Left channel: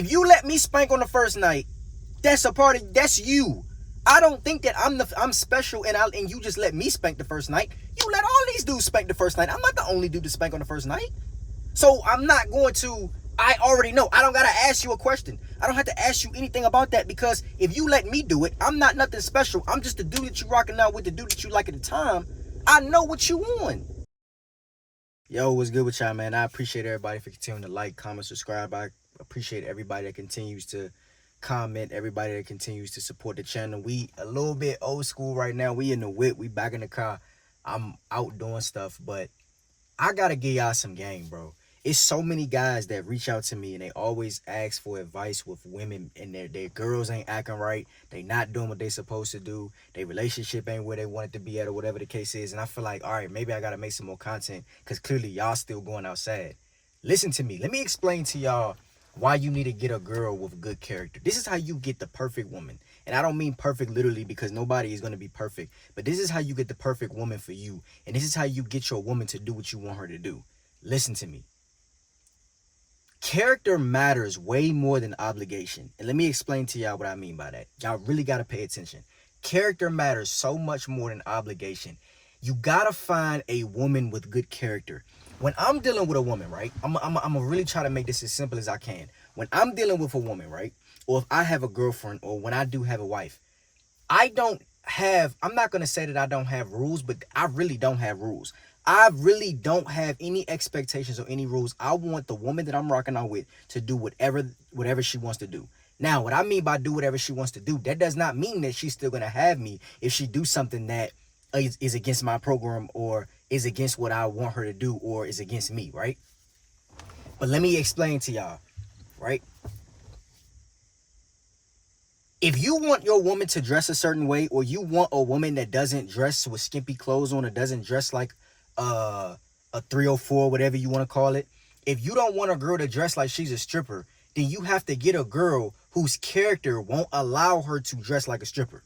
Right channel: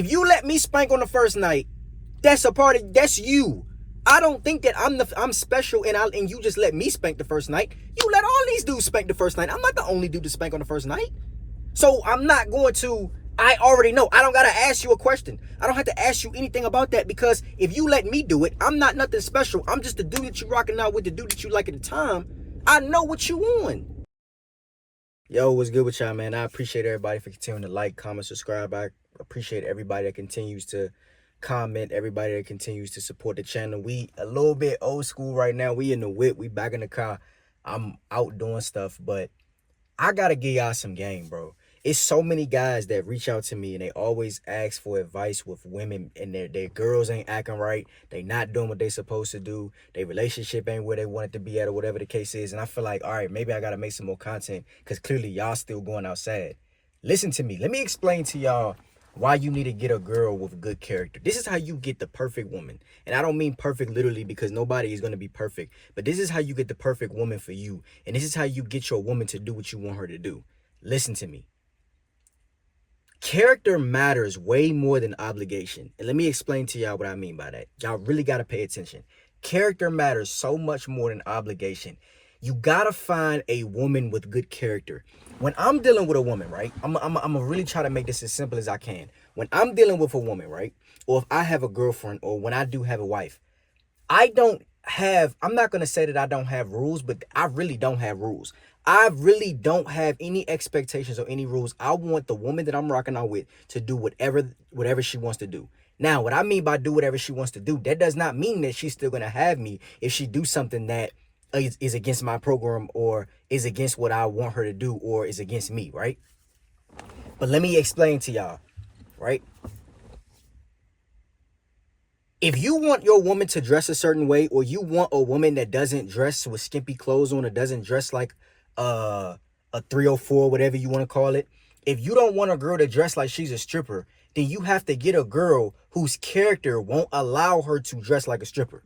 If you let me spank on the first night, that's you. I don't think that I'm special and you just let me spank the first night. You let all these dudes spank the first night. I'm not the only dude to spank on the first night. So I'm not going to, I already know. I don't got to ask you a question. I don't have to ask you anything about that, because if you let me do it, I'm not nothing special. I'm just the dude that you rocking out with, the dude that you like at the time. I know what you want. Yo, what's good with y'all, man? I appreciate everybody for continuing to like, comment, subscribe. I appreciate everybody that continues to comment, everybody that continues to support the channel. We a little bit old school right now. We in the whip. We back in the car. I'm out doing stuff, but I got to give y'all some game, bro. It's so many guys that reach out to me and they always ask for advice with women, and their girls ain't acting right. They not doing what they supposed to do. Their relationship ain't where they want it to be at, or whatever the case is. And I feel like, all right, maybe I got to make some more content, because clearly y'all still going outside. Listen to me. Let me explain to y'all why you need to get a girl with good character. This is how you get the perfect woman. And I don't mean perfect literally, because nobody is going to be perfect. But this is how you get the perfect woman for you. And this is how you get your woman to do what you want her to do. Listen to me. Character matters way more than obligation. And let me explain to y'all what I mean by that. Y'all really got to pay attention. Character matters so much more than obligation. You got to find a woman with good character. When I'm dealing with a woman, right, I'm going to really try to make this as simple as I can. When I'm dealing with a woman, right, or if I have a girlfriend, or when I do have a wife, I'm not going to say that I don't have rules, but I really don't have rules. I really don't have any expectations or any rules. I want the woman that I'm rocking out with to do whatever she wants to do. Now, what I mean by do whatever she wants to do, that does not mean that she's still going to have me if she do something that is against my program, or is against what I want her to do, or is against me, right? But let me explain to y'all, right? If you want your woman to dress a certain way, or you want a woman that doesn't dress with skimpy clothes on, or doesn't dress like a 304, whatever you want to call it. If you don't want a girl to dress like she's a stripper, then you have to get a girl whose character won't allow her to dress like a stripper.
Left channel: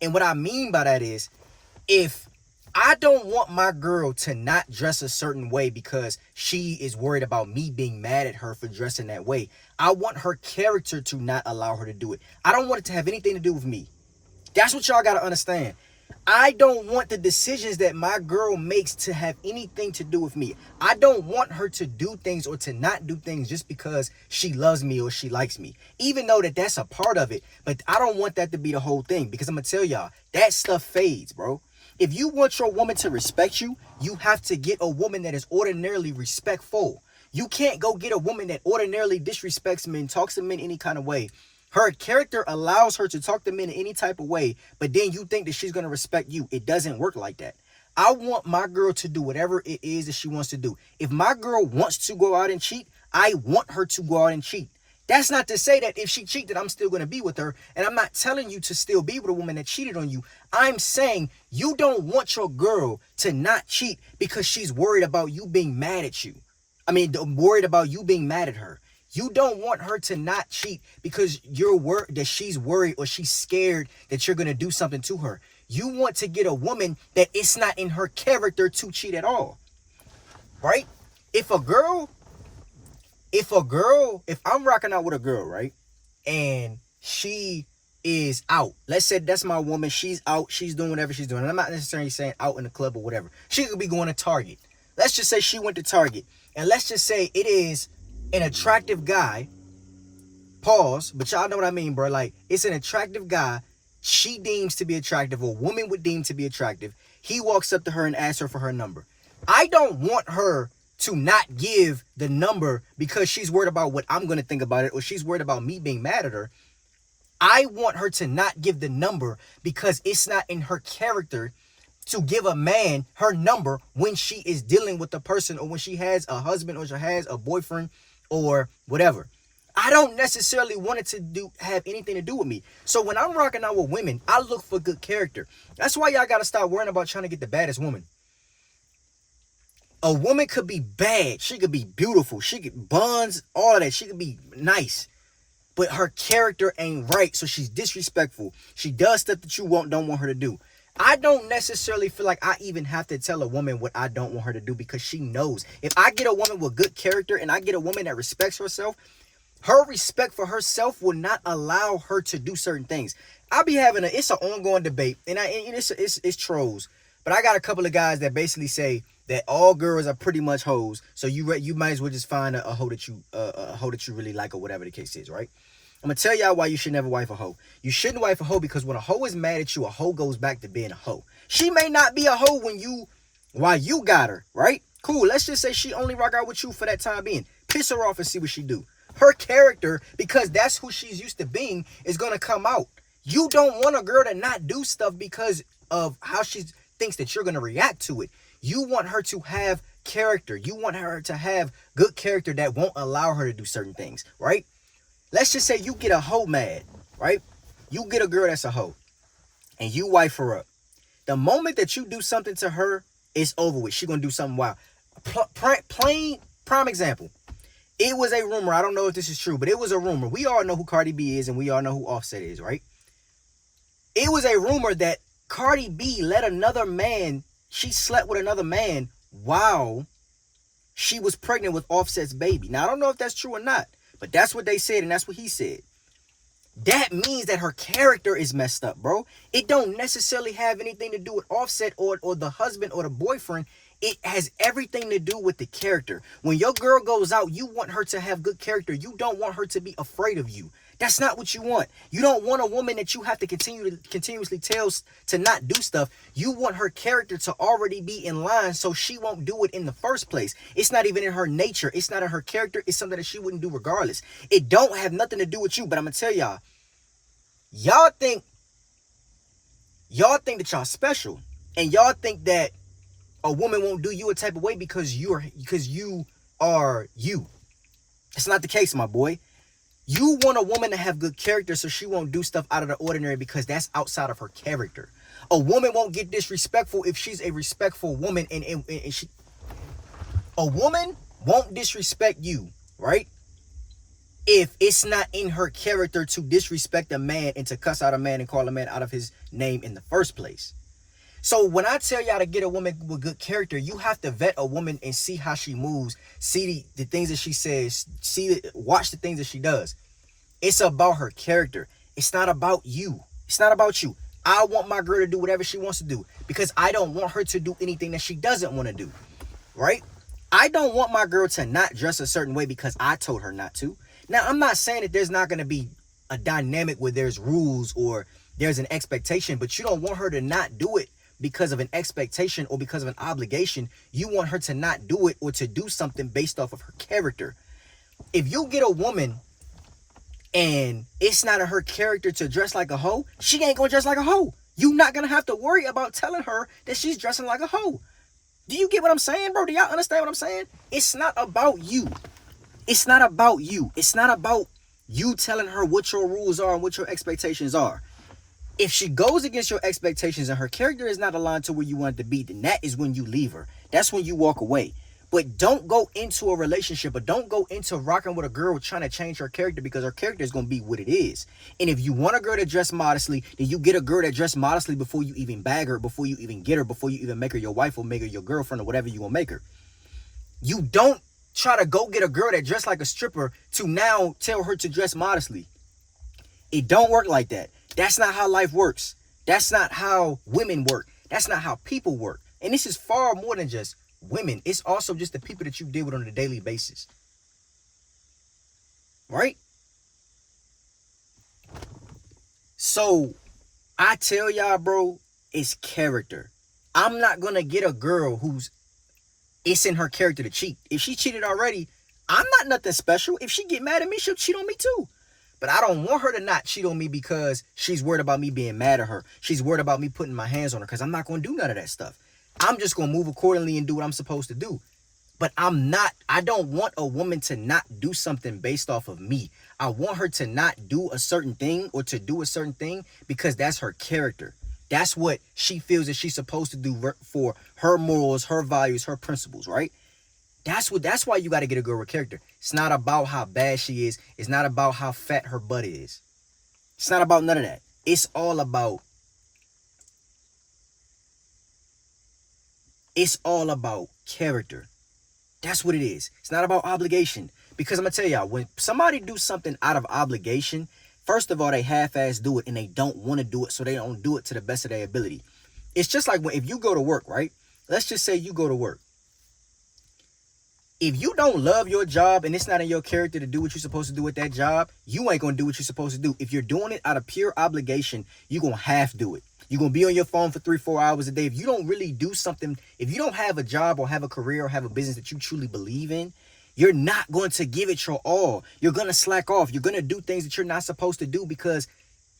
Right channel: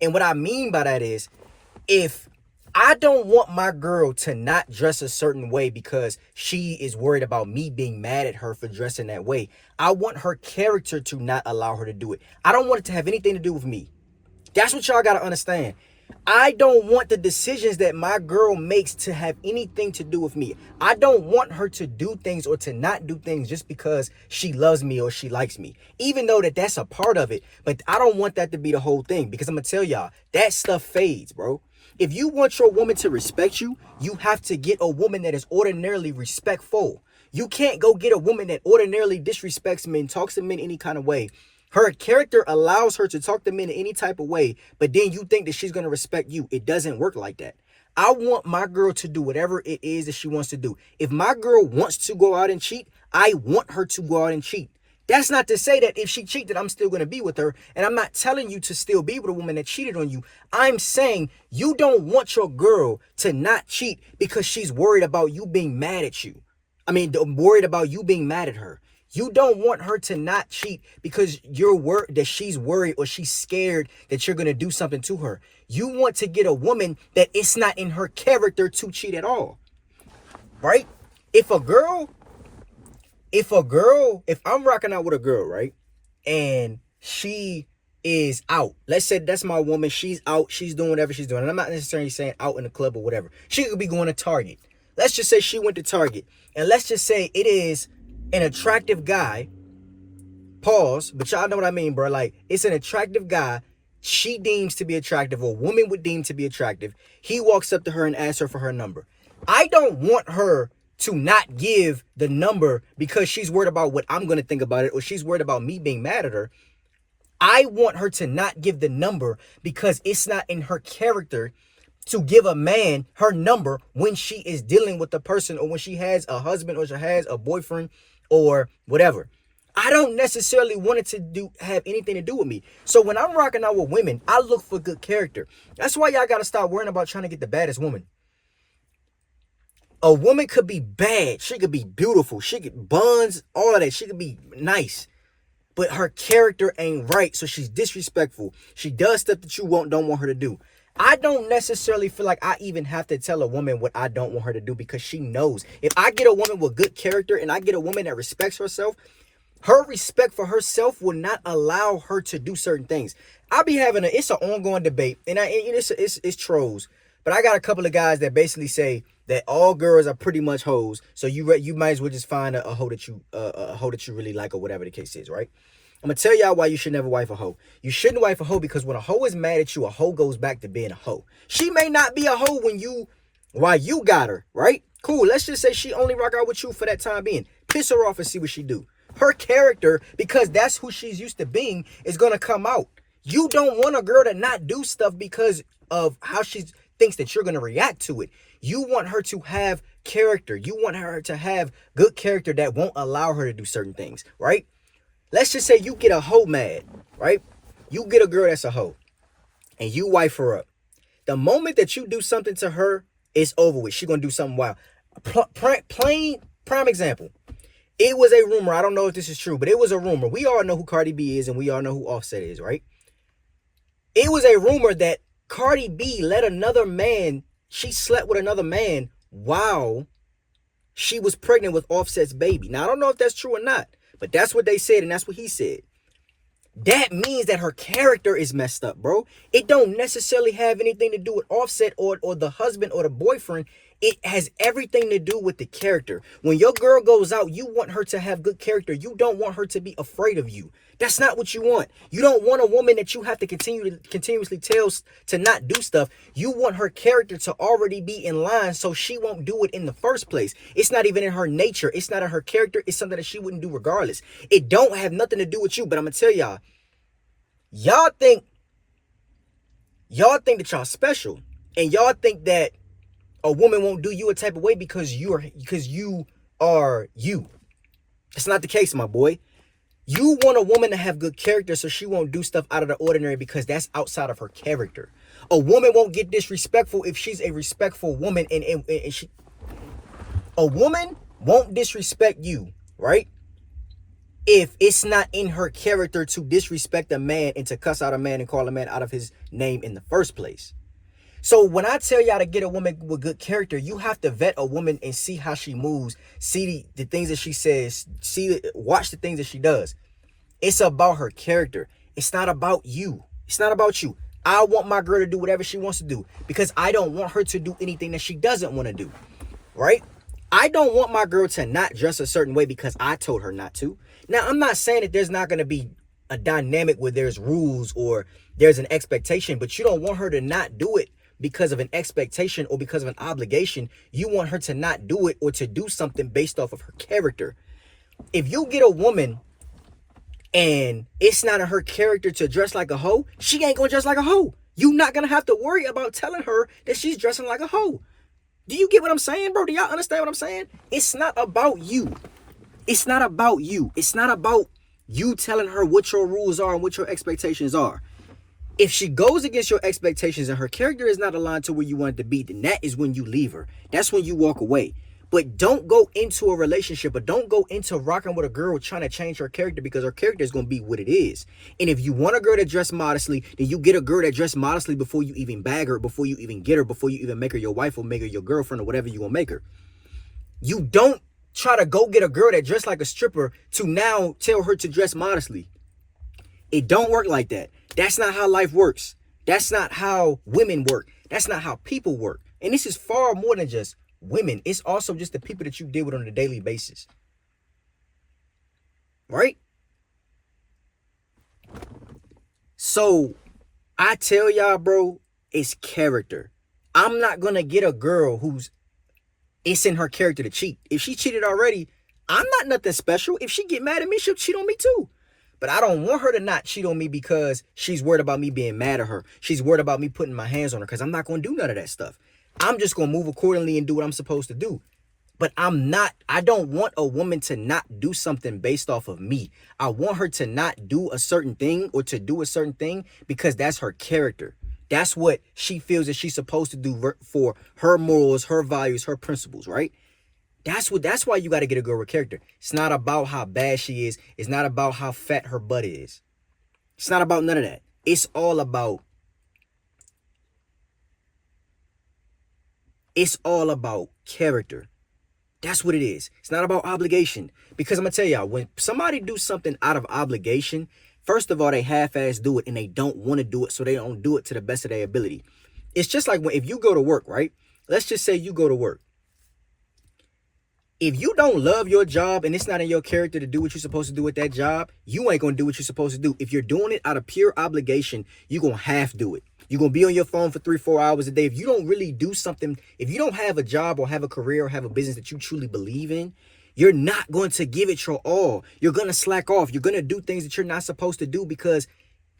And what I mean by that is, if I don't want my girl to not dress a certain way because she is worried about me being mad at her for dressing that way, I want her character to not allow her to do it. I don't want it to have anything to do with me. That's what y'all got to understand. I don't want the decisions that my girl makes to have anything to do with me. I don't want her to do things or to not do things just because she loves me or she likes me. Even though that's a part of it, but I don't want that to be the whole thing, because I'm going to tell y'all, that stuff fades, bro. If you want your woman to respect you, you have to get a woman that is ordinarily respectful. You can't go get a woman that ordinarily disrespects men, talks to men any kind of way. Her character allows her to talk to men in any type of way, but then you think that she's going to respect you. It doesn't work like that. I want my girl to do whatever it is that she wants to do. If my girl wants to go out and cheat, I want her to go out and cheat. That's not to say that if she cheated, I'm still going to be with her. And I'm not telling you to still be with a woman that cheated on you. I'm saying you don't want your girl to not cheat because she's worried about you being mad at you. Worried about you being mad at her. You don't want her to not cheat because you're worried that she's worried or she's scared that you're going to do something to her. You want to get a woman that it's not in her character to cheat at all. Right? If I'm rocking out with a girl, right, and she is out. Let's say that's my woman. She's out. She's doing whatever she's doing. And I'm not necessarily saying out in the club or whatever. She could be going to Target. Let's just say she went to Target. And let's just say it is an attractive guy. Pause. But y'all know what I mean, bro. Like, it's an attractive guy she deems to be attractive, or woman would deem to be attractive. He walks up to her and asks her for her number. I don't want her to not give the number because she's worried about what I'm going to think about it, or she's worried about me being mad at her. I want her to not give the number because it's not in her character to give a man her number when she is dealing with a person, or when she has a husband, or she has a boyfriend, or whatever. I don't necessarily want it to have anything to do with me. So when I'm rocking out with women, I look for good character. That's why y'all got to stop worrying about trying to get the baddest woman. A woman could be bad. She could be beautiful. She could buns, all of that. She could be nice. But her character ain't right. So she's disrespectful. She does stuff that you don't want her to do. I don't necessarily feel like I even have to tell a woman what I don't want her to do, because she knows. If I get a woman with good character and I get a woman that respects herself, Her respect for herself will not allow her to do certain things. I'll be having it's an ongoing debate, and it's trolls. But I got a couple of guys that basically say that all girls are pretty much hoes. So you might as well just find a hoe that you really like, or whatever the case is, right? I'm gonna tell y'all why you should never wife a hoe. You shouldn't wife a hoe because when a hoe is mad at you, a hoe goes back to being a hoe. She may not be a hoe while you got her, right? Cool. Let's just say she only rock out with you for that time being. Piss her off and see what she do. Her character, because that's who she's used to being, is gonna come out. You don't want a girl to not do stuff because of how she thinks that you're gonna react to it. You want her to have character. You want her to have good character that won't allow her to do certain things, right? Let's just say you get a hoe mad, right? You get a girl that's a hoe, and you wife her up. The moment that you do something to her, it's over with. She gonna do something wild. Plain prime example. It was a rumor. I don't know if this is true, but it was a rumor. We all know who Cardi B is, and we all know who Offset is, right? It was a rumor that Cardi B let another man, she slept with another man while she was pregnant with Offset's baby. Now, I don't know if that's true or not, but that's what they said, and that's what he said. That means that her character is messed up, bro. It don't necessarily have anything to do with Offset or the husband or the boyfriend. It has everything to do with the character. When your girl goes out, you want her to have good character. You don't want her to be afraid of you. That's not what you want. You don't want a woman that you have to continuously tell to not do stuff. You want her character to already be in line so she won't do it in the first place. It's not even in her nature. It's not in her character. It's something that she wouldn't do regardless. It don't have nothing to do with you. But I'm going to tell y'all think that y'all special. And y'all think that a woman won't do you a type of way because you are you. That's not the case, my boy. You want a woman to have good character so she won't do stuff out of the ordinary because that's outside of her character. A woman won't get disrespectful if she's a respectful woman, and a woman won't disrespect you, right? If it's not in her character to disrespect a man and to cuss out a man and call a man out of his name in the first place. So when I tell y'all to get a woman with good character, you have to vet a woman and see how she moves, see the things that she says, watch the things that she does. It's about her character. It's not about you. It's not about you. I want my girl to do whatever she wants to do because I don't want her to do anything that she doesn't want to do, right? I don't want my girl to not dress a certain way because I told her not to. Now, I'm not saying that there's not going to be a dynamic where there's rules or there's an expectation, but you don't want her to not do it because of an expectation or because of an obligation. You want her to not do it or to do something based off of her character. If you get a woman and it's not in her character to dress like a hoe, she ain't gonna dress like a hoe. You're not gonna have to worry about telling her that she's dressing like a hoe. Do you get what I'm saying, bro? Do y'all understand what I'm saying? It's not about you. It's not about you. It's not about you telling her what your rules are and what your expectations are. If she goes against your expectations and her character is not aligned to where you want it to be, then that is when you leave her. That's when you walk away. But don't go into a relationship, or don't go into rocking with a girl trying to change her character, because her character is going to be what it is. And if you want a girl to dress modestly, then you get a girl that dress modestly before you even bag her, before you even get her, before you even make her your wife or make her your girlfriend or whatever you want to make her. You don't try to go get a girl that dress like a stripper to now tell her to dress modestly. It don't work like that. That's not how life works. That's not how women work. That's not how people work. And this is far more than just women. It's also just the people that you deal with on a daily basis. Right? So I tell y'all, bro, it's character. I'm not going to get a girl it's in her character to cheat. If she cheated already, I'm not nothing special. If she get mad at me, she'll cheat on me too. But I don't want her to not cheat on me because she's worried about me being mad at her. She's worried about me putting my hands on her, because I'm not going to do none of that stuff. I'm just going to move accordingly and do what I'm supposed to do. But I don't want a woman to not do something based off of me. I want her to not do a certain thing or to do a certain thing because that's her character. That's what she feels that she's supposed to do for her morals, her values, her principles, right? That's why you got to get a girl with character. It's not about how bad she is. It's not about how fat her butt is. It's not about none of that. It's all about character. That's what it is. It's not about obligation. Because I'm gonna tell y'all, when somebody do something out of obligation, first of all, they half-ass do it and they don't want to do it, so they don't do it to the best of their ability. It's just like if you go to work, right? Let's just say you go to work. If you don't love your job and it's not in your character to do what you're supposed to do with that job, you ain't gonna do what you're supposed to do. If you're doing it out of pure obligation, you're gonna half do it. You're gonna be on your phone for 3-4 hours a day. If you don't really do something, if you don't have a job or have a career or have a business that you truly believe in, you're not going to give it your all. You're gonna slack off. You're gonna do things that you're not supposed to do because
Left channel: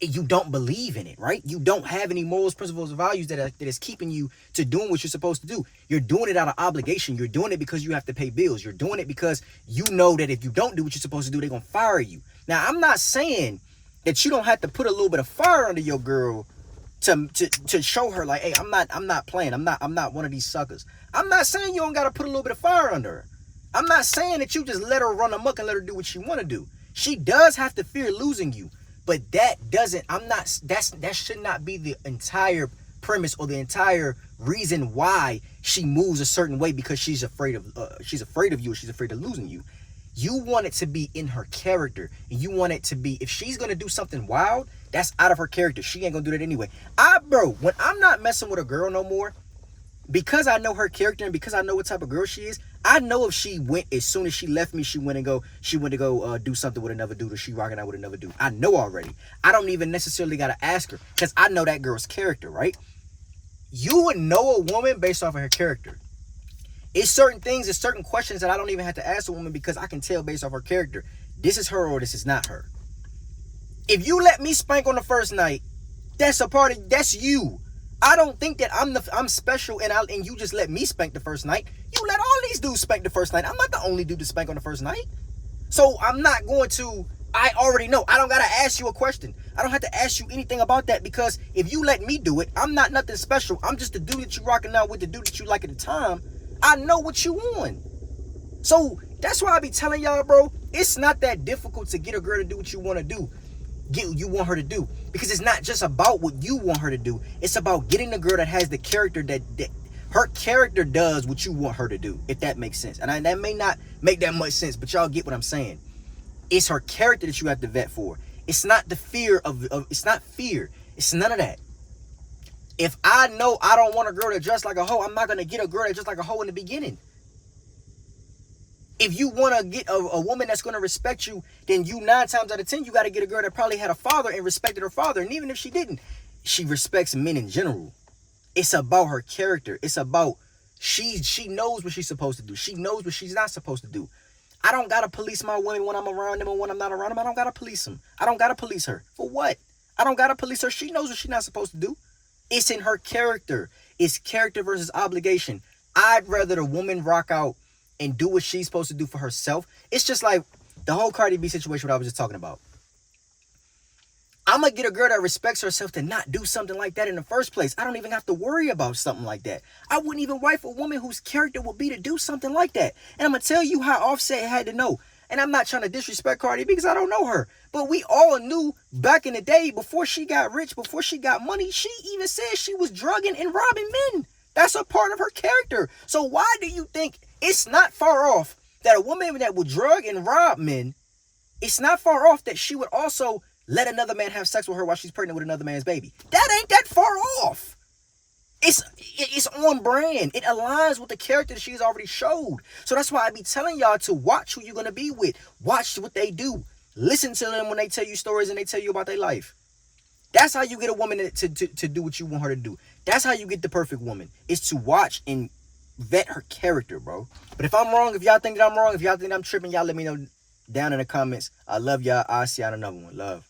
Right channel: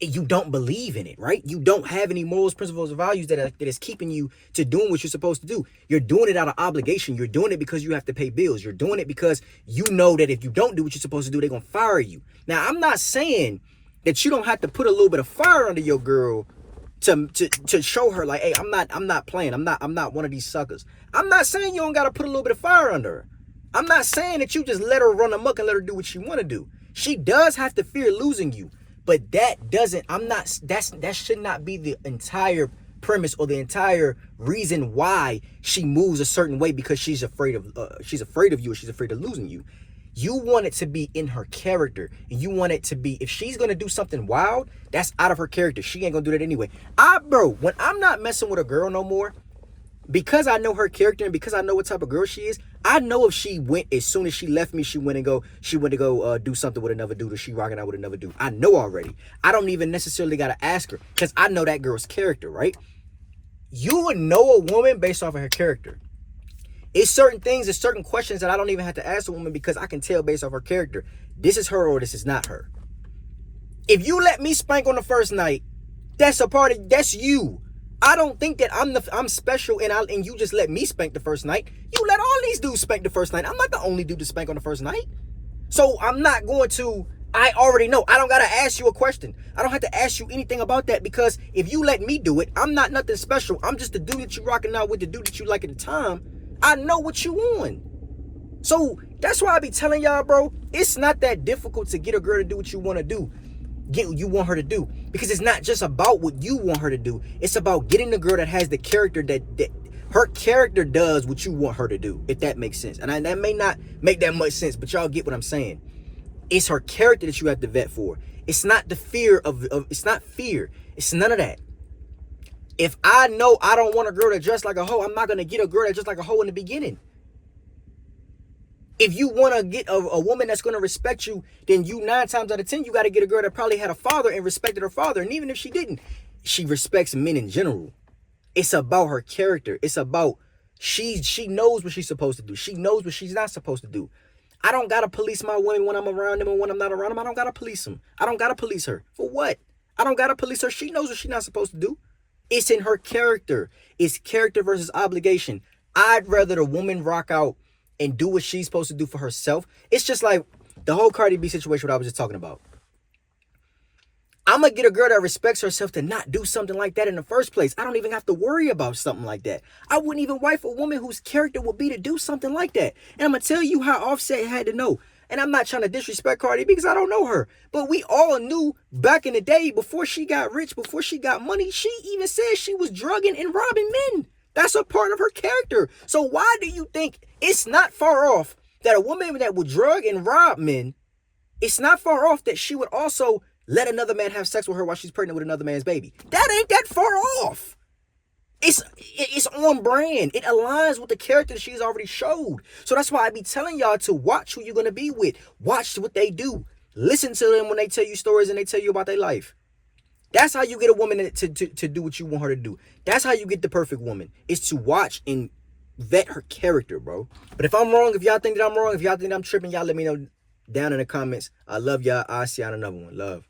you don't believe in it, right? You don't have any morals, principles, or values that is keeping you to doing what you're supposed to do. You're doing it out of obligation. You're doing it because you have to pay bills. You're doing it because you know that if you don't do what you're supposed to do, they're gonna fire you. Now, I'm not saying that you don't have to put a little bit of fire under your girl to show her like, hey, I'm not playing. I'm not one of these suckers. I'm not saying you don't gotta put a little bit of fire under her. I'm not saying that you just let her run amok and let her do what she want to do. She does have to fear losing you. But that should not be the entire premise or the entire reason why she moves a certain way, because she's afraid of you, or she's afraid of losing you. You want it to be in her character. You want it to be, if she's gonna do something wild, that's out of her character. She ain't gonna do that anyway. When I'm not messing with a girl no more, because I know her character and because I know what type of girl she is, I know if she went, as soon as she left me, she went to go do something with another dude, or she rocking out with another dude. I know already. I don't even necessarily got to ask her, because I know that girl's character, right? You would know a woman based off of her character. It's certain things, it's certain questions that I don't even have to ask a woman, because I can tell based off her character, this is her or this is not her. If you let me spank on the first night, that's you. I don't think that I'm special and you just let me spank the first night. You let all these dudes spank the first night. I'm not the only dude to spank on the first night. So I'm not going to, I already know. I don't got to ask you a question. I don't have to ask you anything about that, because if you let me do it, I'm not nothing special. I'm just the dude that you rocking out with, the dude that you like at the time. I know what you want. So that's why I be telling y'all, bro, it's not that difficult to get a girl to do what you want to do. You want her to do, because it's not just about what you want her to do. It's about getting the girl that has the character that her character does what you want her to do, if that makes sense. And that may not make that much sense, but y'all get what I'm saying. It's her character that you have to vet for. It's not the fear of it's not fear. It's none of that. If I know I don't want a girl to dress like a hoe, I'm not going to get a girl that dress like a hoe in the beginning. If you want to get a woman that's going to respect you, then 9 times out of 10, you got to get a girl that probably had a father and respected her father. And even if she didn't, she respects men in general. It's about her character. It's about she knows what she's supposed to do. She knows what she's not supposed to do. I don't got to police my women when I'm around them, and when I'm not around them, I don't got to police them. I don't got to police her. For what? I don't got to police her. She knows what she's not supposed to do. It's in her character. It's character versus obligation. I'd rather the woman rock out and do what she's supposed to do for herself. It's just like the whole Cardi B situation, what I was just talking about. I'm going to get a girl that respects herself to not do something like that in the first place. I don't even have to worry about something like that. I wouldn't even wife a woman whose character would be to do something like that. And I'm going to tell you how Offset had to know. And I'm not trying to disrespect Cardi B, because I don't know her. But we all knew back in the day, before she got rich, before she got money, she even said she was drugging and robbing men. That's a part of her character. So why do you think it's not far off that a woman that would drug and rob men, it's not far off that she would also let another man have sex with her while she's pregnant with another man's baby? That ain't that far off. It's on brand. It aligns with the character that she's already showed. So that's why I be telling y'all to watch who you're going to be with. Watch what they do. Listen to them when they tell you stories and they tell you about their life. That's how you get a woman to do what you want her to do. That's how you get the perfect woman, is to watch and vet her character, bro. But if I'm wrong, if y'all think that I'm wrong, if y'all think I'm tripping, y'all let me know down in the comments. I love y'all. I'll see y'all in another one. Love.